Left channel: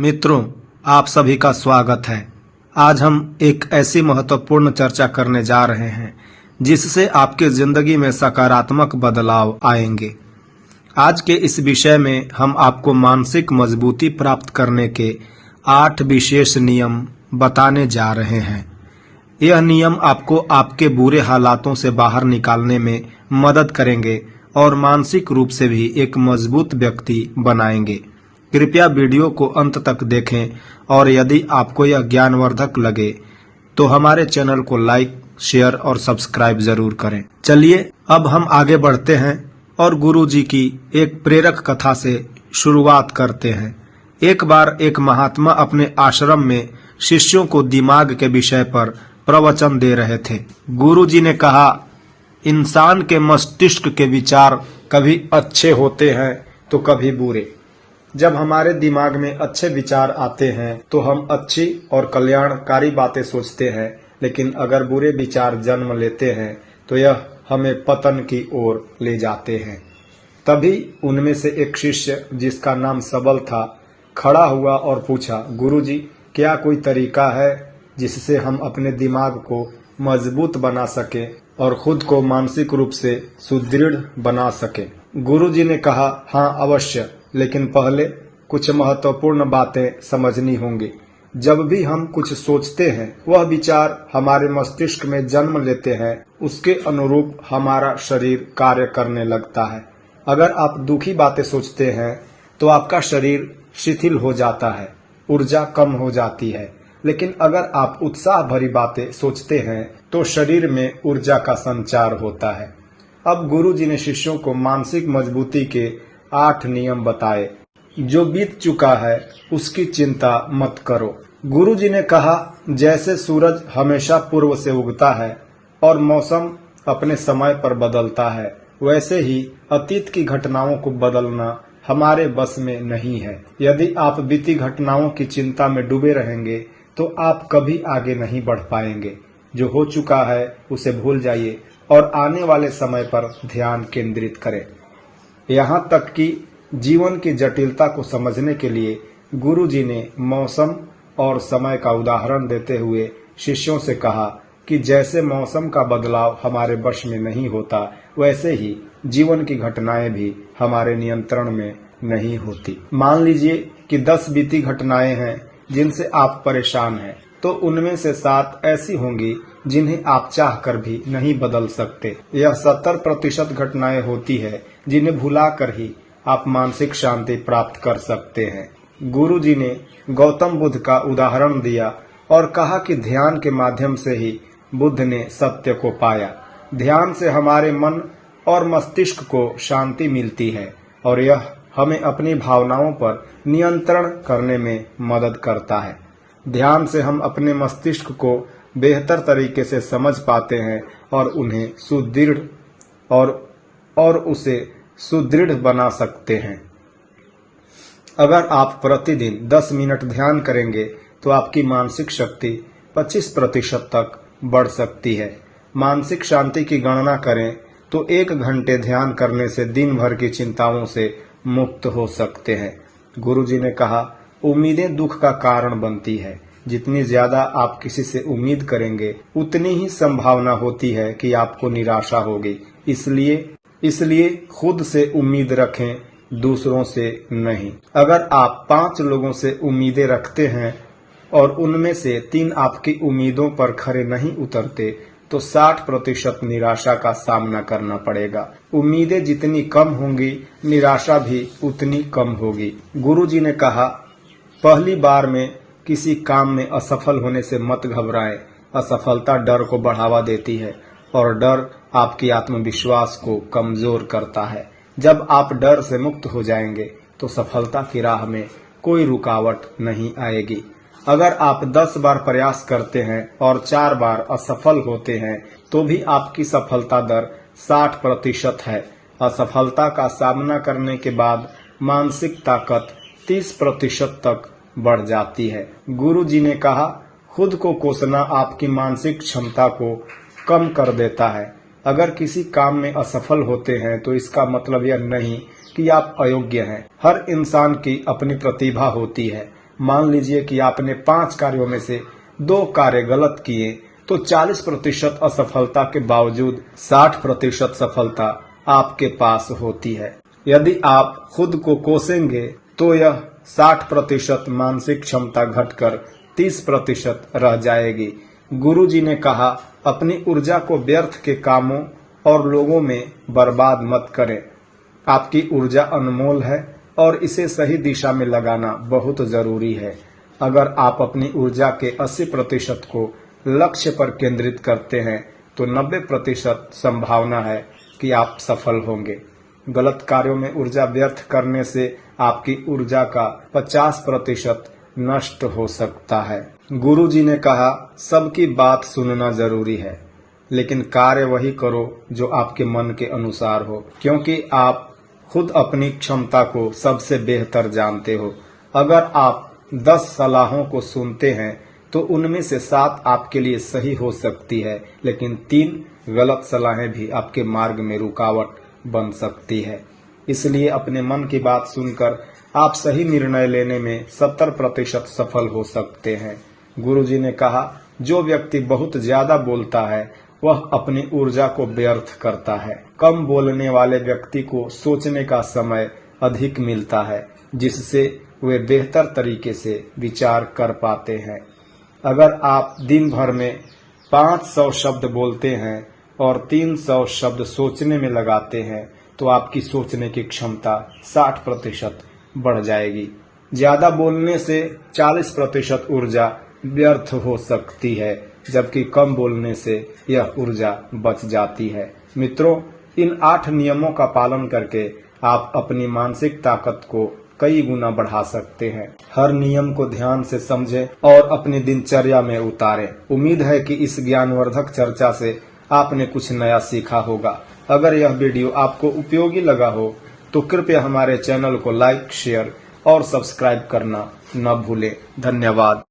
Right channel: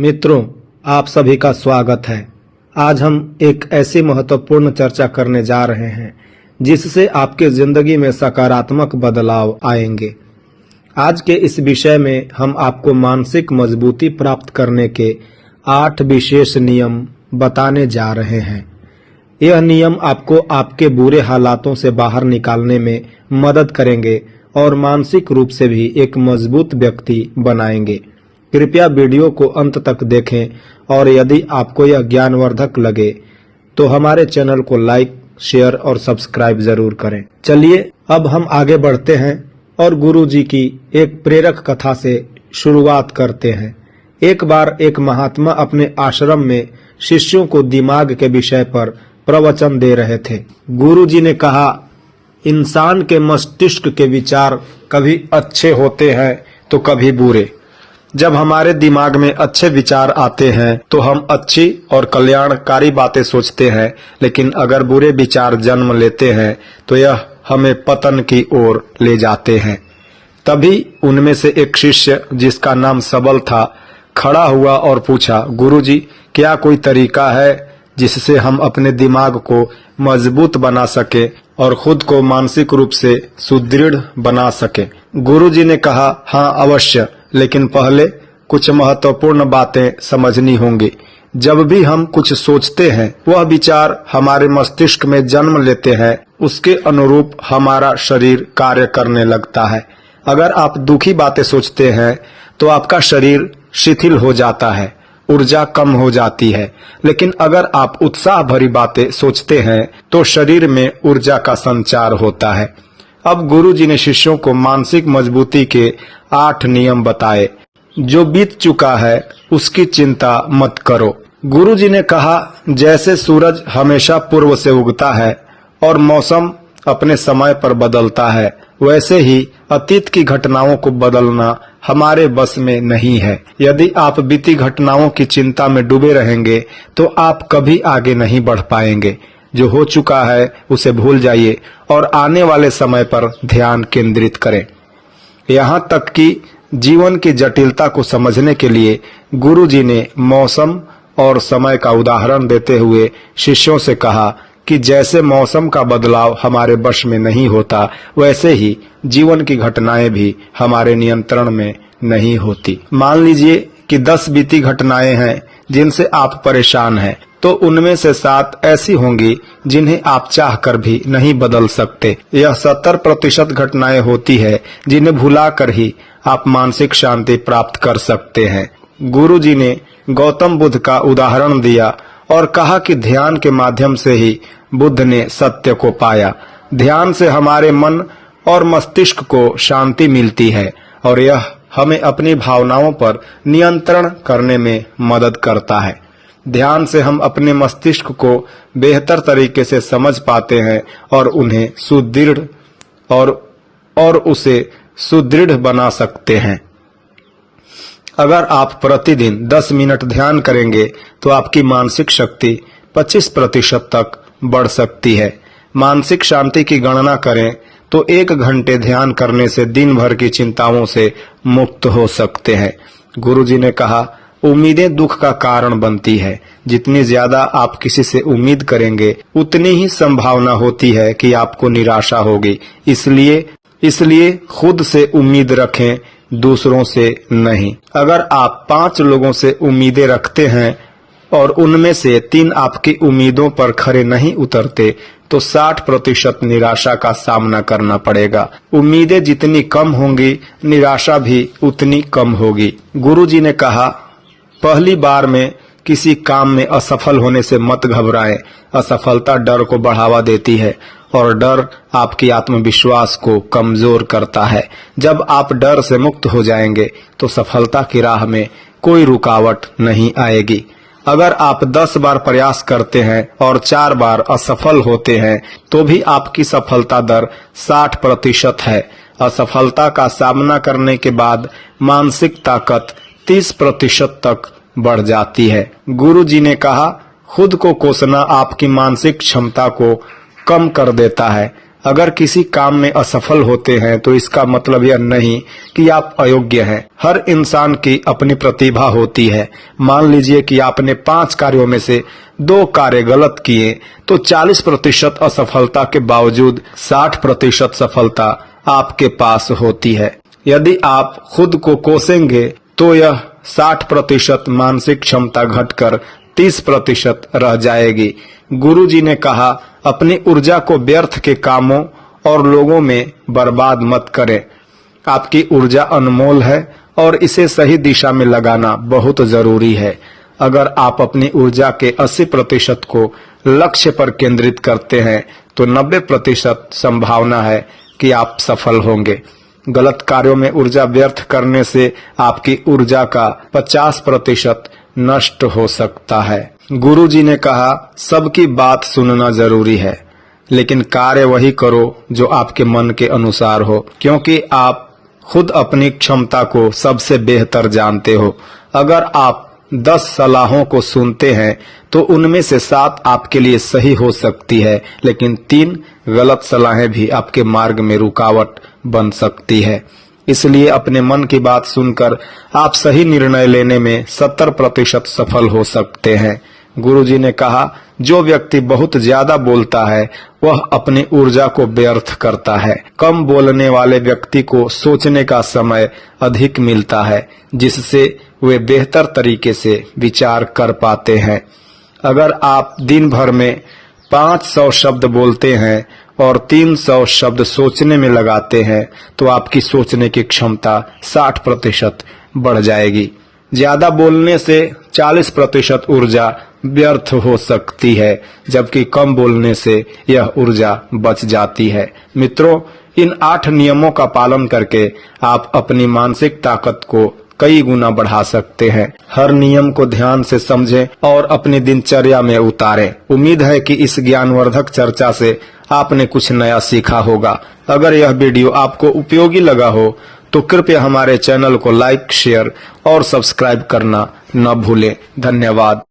मित्रों, आप सभी का स्वागत है। आज हम एक ऐसी महत्वपूर्ण चर्चा करने जा रहे हैं जिससे आपके जिंदगी में सकारात्मक बदलाव आएंगे। आज के इस विषय में हम आपको मानसिक मजबूती प्राप्त करने के 8 विशेष नियम बताने जा रहे हैं। यह नियम आपको आपके बुरे हालातों से बाहर निकालने में मदद करेंगे और मानसिक रूप से भी एक मजबूत व्यक्ति बनाएंगे। कृपया वीडियो को अंत तक देखें और यदि आपको यह ज्ञानवर्धक लगे तो हमारे चैनल को लाइक, शेयर और सब्सक्राइब जरूर करें। चलिए अब हम आगे बढ़ते हैं और गुरुजी की एक प्रेरक कथा से शुरुआत करते हैं। एक बार एक महात्मा अपने आश्रम में शिष्यों को दिमाग के विषय पर प्रवचन दे रहे थे। गुरुजी ने कहा, इंसान के मस्तिष्क के विचार कभी अच्छे होते हैं तो कभी बुरे। जब हमारे दिमाग में अच्छे विचार आते हैं तो हम अच्छी और कल्याणकारी बातें सोचते हैं, लेकिन अगर बुरे विचार जन्म लेते हैं तो यह हमें पतन की ओर ले जाते हैं। तभी उनमें से एक शिष्य, जिसका नाम सबल था, खड़ा हुआ और पूछा, गुरुजी, क्या कोई तरीका है जिससे हम अपने दिमाग को मजबूत बना सके और खुद को मानसिक रूप से सुदृढ़ बना सके? गुरुजी ने कहा, हाँ अवश्य, लेकिन पहले कुछ महत्वपूर्ण बातें समझनी होंगी। जब भी हम कुछ सोचते हैं, वह विचार हमारे मस्तिष्क में जन्म लेते हैं, उसके अनुरूप हमारा शरीर कार्य करने लगता है। अगर आप दुखी बातें सोचते हैं तो आपका शरीर शिथिल हो जाता है, ऊर्जा कम हो जाती है, लेकिन अगर आप उत्साह भरी बातें सोचते हैं तो शरीर में ऊर्जा का संचार होता है। अब गुरुजी ने शिष्यों को मानसिक मजबूती के 8 नियम बताए। जो बीत चुका है उसकी चिंता मत करो। गुरुजी ने कहा, जैसे सूरज हमेशा पूर्व से उगता है और मौसम अपने समय पर बदलता है, वैसे ही अतीत की घटनाओं को बदलना हमारे बस में नहीं है। यदि आप बीती घटनाओं की चिंता में डूबे रहेंगे तो आप कभी आगे नहीं बढ़ पाएंगे। जो हो चुका है उसे भूल जाइए और आने वाले समय पर ध्यान केंद्रित करें। यहाँ तक कि जीवन की जटिलता को समझने के लिए गुरुजी ने मौसम और समय का उदाहरण देते हुए शिष्यों से कहा कि जैसे मौसम का बदलाव हमारे वश में नहीं होता, वैसे ही जीवन की घटनाएं भी हमारे नियंत्रण में नहीं होती। मान लीजिए कि 10 बीती घटनाएं हैं जिनसे आप परेशान हैं, तो उनमें से 7 ऐसी होंगी जिन्हें आप चाहकर भी नहीं बदल सकते। यह 70% घटनाएं होती है जिन्हें भुलाकर ही आप मानसिक शांति प्राप्त कर सकते हैं। गुरुजी ने गौतम बुद्ध का उदाहरण दिया और कहा कि ध्यान के माध्यम से ही बुद्ध ने सत्य को पाया। ध्यान से हमारे मन और मस्तिष्क को शांति मिलती है और यह हमें अपनी भावनाओं पर नियंत्रण करने में मदद करता है। ध्यान से हम अपने मस्तिष्क को बेहतर तरीके से समझ पाते हैं और उन्हें सुदृढ़ और उसे सुदृढ़ बना सकते हैं। अगर आप प्रतिदिन 10 मिनट ध्यान करेंगे तो आपकी मानसिक शक्ति 25% तक बढ़ सकती है। मानसिक शांति की गणना करें तो 1 घंटे ध्यान करने से दिन भर की चिंताओं से मुक्त हो सकते हैं। गुरुजी ने कहा, उम्मीदें दुख का कारण बनती है। जितनी ज्यादा आप किसी से उम्मीद करेंगे, उतनी ही संभावना होती है कि आपको निराशा होगी। इसलिए खुद से उम्मीद रखें, दूसरों से नहीं। अगर आप 5 लोगों से उम्मीदें रखते हैं और उनमें से 3 आपकी उम्मीदों पर खरे नहीं उतरते, तो 60% निराशा का सामना करना पड़ेगा। उम्मीदें जितनी कम होंगी, निराशा भी उतनी कम होगी। गुरुजी ने कहा, पहली बार में किसी काम में असफल होने से मत घबराएं। असफलता डर को बढ़ावा देती है और डर आपकी आत्मविश्वास को कमजोर करता है। जब आप डर से मुक्त हो जाएंगे तो सफलता की राह में कोई रुकावट नहीं आएगी। अगर आप 10 बार प्रयास करते हैं और 4 बार असफल होते हैं तो भी आपकी सफलता दर 60% है। असफलता का सामना करने के बाद मानसिक ताकत 30% तक बढ़ जाती है। गुरुजी ने कहा, खुद को कोसना आपकी मानसिक क्षमता को कम कर देता है। अगर किसी काम में असफल होते हैं तो इसका मतलब यह नहीं कि आप अयोग्य हैं। हर इंसान की अपनी प्रतिभा होती है। मान लीजिए कि आपने 5 कार्यों में से 2 कार्य गलत किए तो 40% असफलता के बावजूद 60% सफलता आपके पास होती है। यदि आप खुद को कोसेंगे तो यह 60% मानसिक क्षमता घटकर 30% रह जाएगी। गुरुजी ने कहा, अपनी ऊर्जा को व्यर्थ के कामों और लोगों में बर्बाद मत करें। आपकी ऊर्जा अनमोल है और इसे सही दिशा में लगाना बहुत जरूरी है। अगर आप अपनी ऊर्जा के 80% को लक्ष्य पर केंद्रित करते हैं तो 90% संभावना है कि आप सफल होंगे। गलत कार्यों में ऊर्जा व्यर्थ करने से आपकी ऊर्जा का 50% नष्ट हो सकता है। गुरुजी ने कहा, सबकी बात सुनना जरूरी है, लेकिन कार्य वही करो जो आपके मन के अनुसार हो, क्योंकि आप खुद अपनी क्षमता को सबसे बेहतर जानते हो। अगर आप 10 सलाहों को सुनते हैं तो उनमें से 7 आपके लिए सही हो सकती है, लेकिन 3 गलत सलाहें भी आपके मार्ग में रुकावट बन सकती है। इसलिए अपने मन की बात सुनकर आप सही निर्णय लेने में 70% सफल हो सकते हैं। गुरुजी ने कहा, जो व्यक्ति बहुत ज्यादा बोलता है वह अपनी ऊर्जा को व्यर्थ करता है। कम बोलने वाले व्यक्ति को सोचने का समय अधिक मिलता है, जिससे वे बेहतर तरीके से विचार कर पाते हैं। अगर आप दिन भर में 500 शब्द बोलते हैं और 300 शब्द सोचने में लगाते हैं तो आपकी सोचने की क्षमता 60% बढ़ जाएगी। ज्यादा बोलने से 40% ऊर्जा व्यर्थ हो सकती है, जबकि कम बोलने से यह ऊर्जा बच जाती है। मित्रों, इन 8 नियमों का पालन करके आप अपनी मानसिक ताकत को कई गुना बढ़ा सकते हैं। हर नियम को ध्यान से समझें और अपनी दिनचर्या में उतारें। उम्मीद है कि इस ज्ञानवर्धक चर्चा से आपने कुछ नया सीखा होगा। अगर यह वीडियो आपको उपयोगी लगा हो तो कृपया हमारे चैनल को लाइक, शेयर और सब्सक्राइब करना न भूलें। धन्यवाद।